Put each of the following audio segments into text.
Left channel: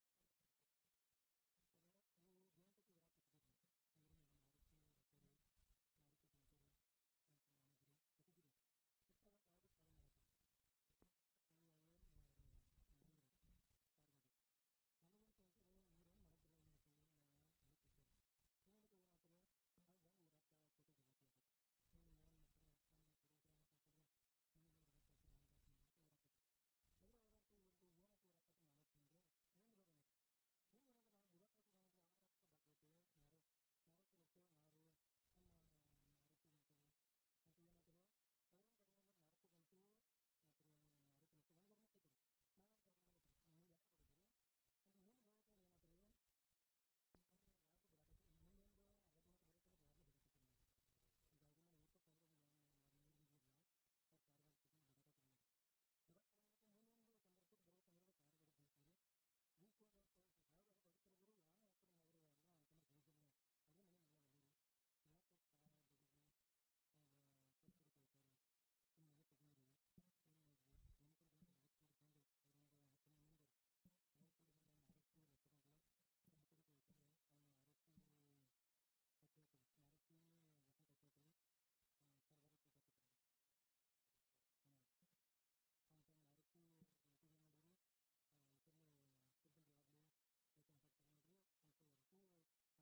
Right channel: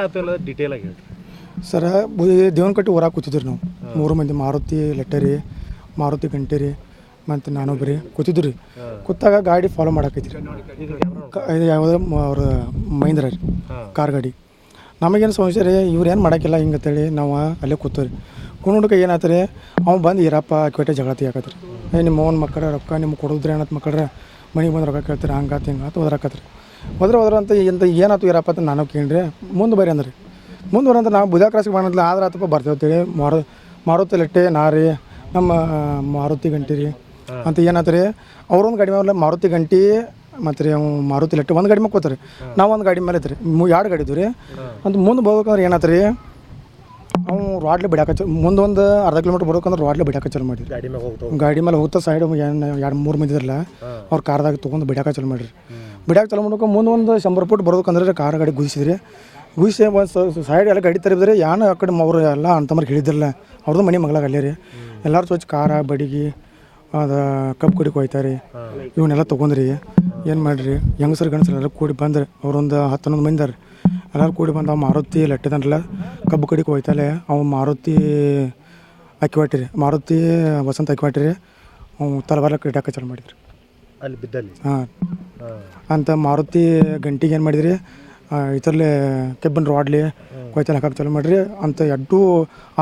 ಏನಾಗ್ತಿಲ್ಲ detail ಆಗಿ ಹೇಳ್ರಿ ಸರ ದೇವನಕಟ್ಟಿ ಊರಾಗ ಕೂತಿದ್ರಿ ನಾವು 3 ಮಂದಿ ಮಾರುತಿ ಲೆಟ್ಟರಿ ಮಾರುತಿ ಗಂಟೇರಿ ಮತ್ತು ನಾನೊಬ್ಬರಿ ಕೂತಿದ್ವಿ ರೀ. ಕೂತಾಗ ಗಾಡಿ ಫಾಲೋ ಮಾಡಾಕೈತಿ ಇದು ಯಾವುದೋ ಅವ್ರ ಮಹೀಂದ್ರ ರೀ ಕಾರ್ ಗಾಡಿ. ನಮಗೇನು ಸಮಸ್ಯೆ ರೀ, ಇವ್ರು ಏನು ಮಾಡೋಕ್ಕಿಲ್ಲ ಹಿಂಗಂತೇಳಿ ನಾವು ಅಲ್ಲೇ ಕೂತವ್ರಿ. ಕುಣುಡ್ಕ ಏನಾಯ್ತು ರೀ, ಅವ್ನು ಬಂದು ಇರಪ್ಪ ಕೆಟ್ಟ ಜಗಳ ತೆಗಿಯಾಕತ್ರಿ. ನಿಮ್ಮ ಅವ್ನ ಮಕ್ಕಳ ರೊಕ್ಕ ನಿಮ್ಗೆ ಕೊಡೋದ್ರಿ ಅನ್ನತ್ ಮಕ್ಕಳ್ರೆ ಮನೆಗೆ ಬಂದು ರೊಕ್ಕ ಕೇಳ್ತೀರಿ ಹಂಗಾತು ಹಿಂಗಾತು ಹೋದ್ರಾಕತ್ರಿ. ಹೋದ್ರ ಅಂತ ಏನಾಯ್ತು ಇರಪ್ಪ ಅಂತ ನಾನು ಕೇಳ್ರಿ. ಮುಂದೆ ಬರ್ರಿ ಅಂದ್ರೆ ಮುಂದೆ ಬರಂತ ನಾವು ಬುಧ ಕ್ರಾಸಿಗೆ ಬಂದಿಲ್ಲ ಆದ್ರೆ ಆತಪ್ಪ ಬರ್ತೇವೆ ಮಾರುತಿ ಲೆಟ್ಟೆ ನಾರಿ ನಮ್ಮ ಮಾರುತಿ ಗಂಟಿ ರೀ ಅಂತ ಏನಾಯ್ತು ರೀ. ಅವ್ರೊಂದು ಗಾಡಿ ಮೇಲೆ ಮಾರುತಿ ಗಂಟಿ ಮತ್ತು ರೀ ಅವ್ನು ಮಾರುತಿ ಲೆಟ್ಟೆ ಒಂದು ಗಾಡಿ ಮೇಲೆ ಕೂತಾರೆ, ನಾವು ಒಂದು ಗಾಡಿ ಮೇಲೆ ಐತ್ರಿ 2 ಗಾಡಿ ಇದ್ವು ರೀ. ಅಂತ ಮುಂದೆ ಬರ್ಬೇಕಂದ್ರೆ ಏನಾಯ್ತು ರೀ, ಅವ್ನು ರಾಡ್ಲೆ ಬಿಡಾಕ ಮುಂದೆ ಒಂದು ಅರ್ಧ ಕಿಲೋಮೀಟ್ರ್ ಬರ್ಬೇಕಂದ್ರೆ ರಾಡ್ಲೆ ಬಿಡಾಕ ಚಾಲು ಮಾಡಿ ಗಾಡಿ ಮೇಲೆ ಹೋಗ್ತಾ ಸೈಡ್ 2-3 ಮಂದಿ ಇದ್ರಲ್ಲ ಅವ್ರು ಕಾರ್ದಾಗ ತೊಗೊಂಡು ಬಿಡಾಕ ಚಾಲು ಮಾಡಿರಿ. ಬಿಡಾಕ ಚಾಲು ಮಾಡ್ಬೇಕು ಮುಂದೆ ಒಂದು 100 ಫುಟ್ ಬರ್ಬೇಕಂದ್ರೆ ಕಾರ್ ಗಾಡಿ ಗುದಿಸಿದ್ರಿ. ಗುದಿಸಿ ಒಂದು ಸೈಡ್ ಎಲ್ಲ ಗಾಡಿ ತರಿಬಿದ್ರಿ. ಯಾನು ಆ ಕಡೆ ಅವರು ಎಲ್ಲ ಅಂತಂಬರ್ ಹೇಳಿದ್ರಲ್ಲ ಅವ್ರದ್ದು ಮನೆ ಮಗಳಾಗ ಅಲ್ಲೇ ರೀ. ಎಲ್ಲರೂ ಸ್ವಚ್ಛ ಖಾರ ಬಡಿಗೆ ಅದು ಕಬ್ಬು ಕಡಿಗೆ ಹೋಯ್ತಾರೆ ಇವನ್ನೆಲ್ಲ ತೊಗೊಂಡ್ರಿ. ಏನು ಮಾಡಿರಿ ಹೆಂಗಸರು ಗಂಡಸರು ಎಲ್ಲ ಕೂಡಿ ಬಂದ್ರೆ ಅವ್ರೊಂದು 10-11 ಮಂದಿ ರೀ. ಎಲ್ಲರೂ ಕೂಡಿ ಬಂದು ಅವು ಮಾರುತಿ ಲೆಟ್ಟದನ್ರಲ್ಲ ಕಬ್ಬು ಕಡಿಗೆ ಹೋಯ್ತಲೆ ಅವು ಮಾರುತಿ ಅಕ್ಕಿ ಹೊಟ್ಟಿರಿ ಮಾರುತಿ ವಸಂತ ಅಕ್ಕಿ ಹೊಟ್ಟಿರಿ ಅವು ತಲವಾರ್ಲಕ್ಕೆ ಇಡಾಕ ಚಾಲು ಮಾಡಿದ್ರಿ ಅಲ್ಲಿ ಬಿದ್ದಲ್ಲಿ. ಹಾಂ ಅಂತ ಮಾರುತಿ ಗಂಟಿಗೆ ಏನು ಮಾಡಿದ್ರಿ, ಇದರಲ್ಲೇ ಕೆಬ್ಬನ್ ರಾಡ್ಲಿ ಕೊಯ್ತಲ್ಲಿ ಹಾಕಕ್ಕೆ ಚಾಲು ಮಾಡಿರಿ ಅಂತ ಎಡ್ಡು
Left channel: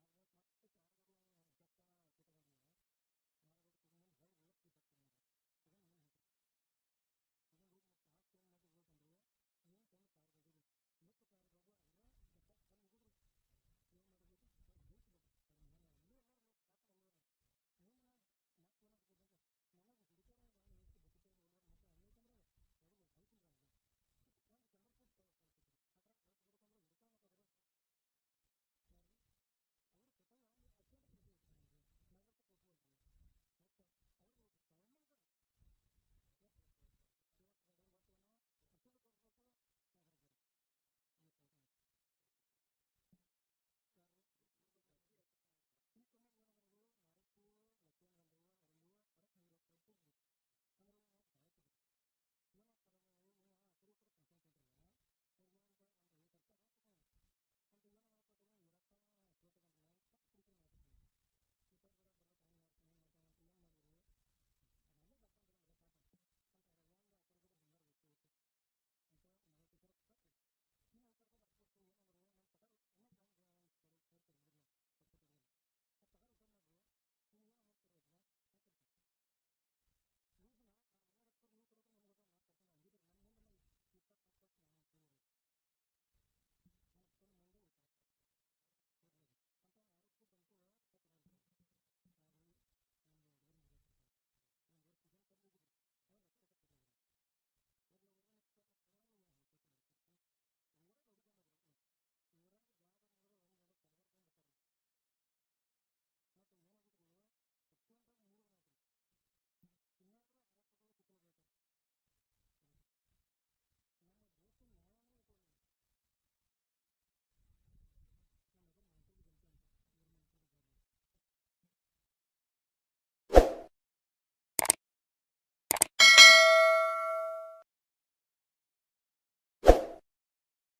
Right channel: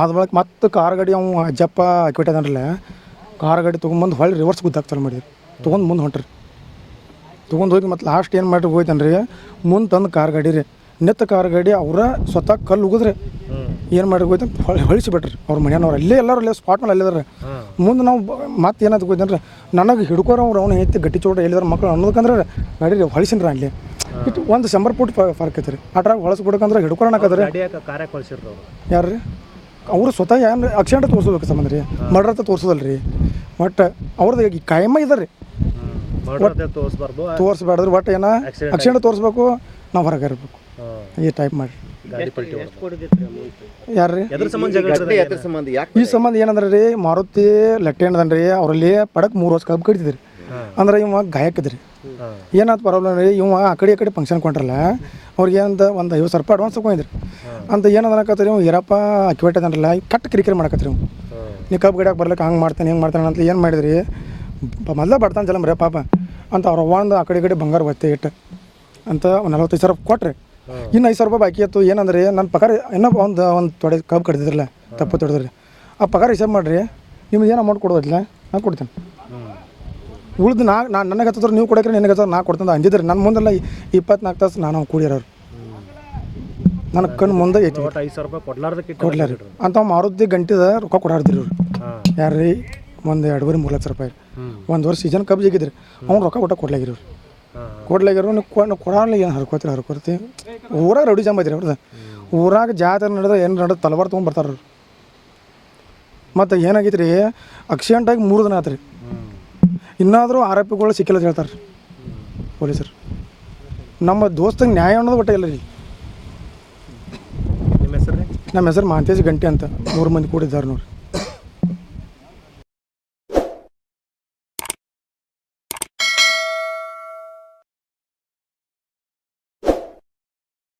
ಆದ ಬಳಕ ಮತ್ತೆ ಕಾರ್ ಗಾಡಿ ಅವು ಅಜ್ಜಪ್ಪ ಅಕ್ಕಿ ಹೊಟ್ಟದನ್ರಲ್ಲ ಕಾರ್ ಗಾಡಿ ತೊಗೊಂಬಂದು ಹೊಳ್ಳಿ ರಿವರ್ಸ್ ಗುದ್ದಾಕ ಚಾಲು ಮಾಡಿದ್ರಿ. ತೊಗೊಂಡು ಮುಂದೆ ಹೊಂಟ್ರಿ. ತೊಗೊಂಡು ಹೋಗಿ ಮತ್ತು ಲಾಸ್ಟ್ ಏನು ಮಾಡಿ ಹೋಯ್ತನ್ರಿ ಮುಂದೆ ತಂದು ಕಾರ್ ಗಾಡಿ ರೀ ನೆತ್ತ ಕಾರ್ ಗಾಡಿ ಅವರ ಸ್ವತಃ ಕಲ್ಲು ಉಗಿದ್ರಿ. ಏನು ಮಾಡಿ ಹೋಯ್ತು ಹೊಳಿಸಿಬಿಟ್ರಿ ಅವ್ರ ಮನೆಯವ್ರು ಅಲ್ಲೇ ಎಲ್ಲರೂ ಅಲ್ಲೇ ಸ್ಪಾಟ್ ಮೇಲೆ ಅಲ್ಲಿದ್ದಾರೆ. ಮುಂದೆ ನಾವು ಮತ್ತೆ ಏನಾದ್ರು ಹೋಯ್ತಂದ್ರೆ ನನಗೆ ಹಿಡ್ಕೋರು ಅವ್ನು ಐತಿ ಗಟ್ಟಿ ಚೋಟ ಹೇಳಿದಾರೆ ಮಕ್ಕಳು ಅನ್ನೋದಕ್ಕಂದ್ರೆ ಗಾಡಿ ಹೊಳಿಸಿನ್ರಿ ಅಲ್ಲಿ ಇಟ್ಟು ಒಂದು 100 ಫುಟ್ ಫರ್ಕ್ ಐತ್ರಿ. ಅಟ್ರಾಗ ಹೊಳಸ್ಬಿಡ್ಬೇಕಂದ್ರೆ ಹಿಡ್ಕೊಳಕತ್ರಿ ಯಾರು ರೀ ಅವರು ಸ್ವತಃ ಏನು ಆಕ್ಸಿಡೆಂಟ್ ತೋರಿಸ್ಬೇಕು ಸಂಬಂಧ ರೀ ಮರ್ಡರ್ ಅಂತ ತೋರಿಸೋದಲ್ಲ ರೀ. ಒಟ್ಟು ಅವ್ರದ್ದು ಕಾಯಮ್ಮ ಇದ್ದಾರೆ ರೀ ತೋರಿಸ್ಬಾರ್ದ್ರಿ. ಒಟ್ಟು ಏನೋ ಆಕ್ಸಿಡೆಂಟ್ ತೋರಿಸ್ಬೇಕು ನಾವು ಹೊರಗೆ ಇರಬೇಕು ಈ ಟೈಪ್ ಮಾಡಿ ಯಾರು ರೀ ಈ ಸಂಬಂಧ ಏನಂದ್ರೆ ರೀ ಮಾರುತಿ ಲೆಟ್ಟೆ ಏನದನ್ರಿ ಅವರಲ್ಲಿ ಪಡಕ್ 3 ವರ್ಷ ಕಬ್ಬು ಕಡಿತಿದ್ರಿ. ಅಂದ್ರೆ ಇವ ಗಾಯಕ್ಕಿದ್ರಿ. ಏನಾಯ್ತು ಪ್ರಾಬ್ಲಮ್ ರೀ, ಇವ ಆ ಕಡೆ ಫಂಕ್ಷನ್ ಕೊಂಡ್ರಲ್ಲ ಅವ್ರಿಗೆ ಏನಂತ ಒಂದು 50,000 ರೂಪಾಯಿ ಅಡ್ವಾನ್ಸ್ ತೊಗೊಂಡಿದ್ರಿ. ಅಂತ ಏನದನಕತ್ರಿ ಇವ್ ಇರಪ್ಪ ಅಕ್ಕಿ ಹೊಟ್ಟದನ್ರಲ್ಲ ಕಟ್ ಕಿರಿಕಿರಿ ಮಾಡಕತ್ರಿ. ಇವ್ ನೀವು ಕಬ್ಬು ಗಡಿಯಾಗ ಬರ್ಲಿಕ್ಕೆ ಹಂಗೆ ಮಾಡ್ತಾನೆ ಹಿಂಗೆ ಮಾಡ್ತಾನೆ ಅಂತ ಏನು ಮಾಡಿದ್ರಿ ಮೊದಲ ಬಡ್ತಾನೆ ಜಲಮ್ ರೀ ಪಾಪ ಅಂತ ಅವ್ರು ಒಂದು ಆ ಕಡೆ ಬಂಗಾರ ಒತ್ತೆ ಇಟ್ಟು ಅಂತ 45,000 ಕೊಟ್ರಿ. ಇನ್ನು 5,000 ರೂಪಾಯಿ ಬಾಕಿ ಇತ್ತು. ಏನಂದ್ರೆ ನನ್ನ ಪಗಾರ ಇನ್ನೂ ಒಂದು ತೊಡೆ ಕಬ್ಬು ಕಡ್ದಿದ್ರಲ್ಲ ತಪ್ಪು ತೊಡೆದ್ರಿ ಆ ಪಗಾರ ಹಿಸಾಬ್ ಮಾಡಿರಿ ನಿಮ್ಗೆ ಏನು ಅಮೌಂಟ್ ಕೊಡೋದಿಲ್ಲ ನಾನು ಕೊಡ್ತೇನೆ. ಉಳ್ದು ನನಗೆ ಹತ್ತಿದ್ರೆ ನೀವು ಕೊಡೋಕ್ರೆ ನಿನಗೆ ಹತ್ತಿರ ನಾ ಕೊಡ್ತಂದು ಅಂದಿದ್ರಿ. ನನ್ನ ಮುಂದೆಲ್ಲ 24 ತಾಸು ನಾನು ಕೂಡಿರೋರು ನನ್ನ ಕಣ್ಣು ಮುಂದೆ ಐತಿ 5,000 ರೂಪಾಯಿ ಕೊಡ್ಲಾರಿ ಅಂತ ಮಾರುತಿ ಗಂಟಿದ ರೊಕ್ಕ ಕೊಡಾಡ್ದಿರಿ ಅವ್ರು. ಯಾರು ರೀ ಒಂದು 2-3 ಲಕ್ಷ ರೂಪಾಯಿ ಒಂದು ವರ್ಷ ಸೀಸನ್ ಕಬ್ಬು ಜಿಗಿದ್ರಿ ಅವ್ನು ರೊಕ್ಕ ಕೊಡ್ಲಾಗಿರೋರು ನೀವು ಕೊಡಲ್ಲ ಏನು ಹರ್ಕೋತಿ ಊರಾಗ ರೌಡಿ ಜಾಮ್ ಐತ್ರಿ ಅವ್ರದ್ದು. ಊರಾಗ ಜಾತ್ರೆ ನಡೆದ ಏನು ನಡೆದ ತಲವಾರು ತೊಗೊಂಡು ಬರ್ತಾರೆ ಅವ್ರು. ಮತ್ತು ಏನಾಗೈತೆ ರೀ ಆಕ್ಸಿಡೆಂಟಾಗಿ 3 ದಿನ ಆತ್ರಿ. ಇನ್ನಾದರೂ ಆರೋಪಿಗಳು ಸಿಕ್ಕಿಲ್ಲ ಅಂತ ಹೇಳ್ತಾರೆ ಪೊಲೀಸರು. ನಮ್ಮ ದೋಸ್ತಂಗೆ ನ್ಯಾಯ ಅನ್ನೋದು ಒಟ್ಟೆ ಇಲ್ಲ ರೀ. ನಿಮ್ಮ ಹೆಸರು ನಮ್ಮ ಹೆಸರು ಮಹಾಂತೇಶ್ ಗಂಟೆ ಅಂತ 3 ಮಂದಿ ಕೂಡಿದ್ದಾರೆ ನೋಡ್ರಿ.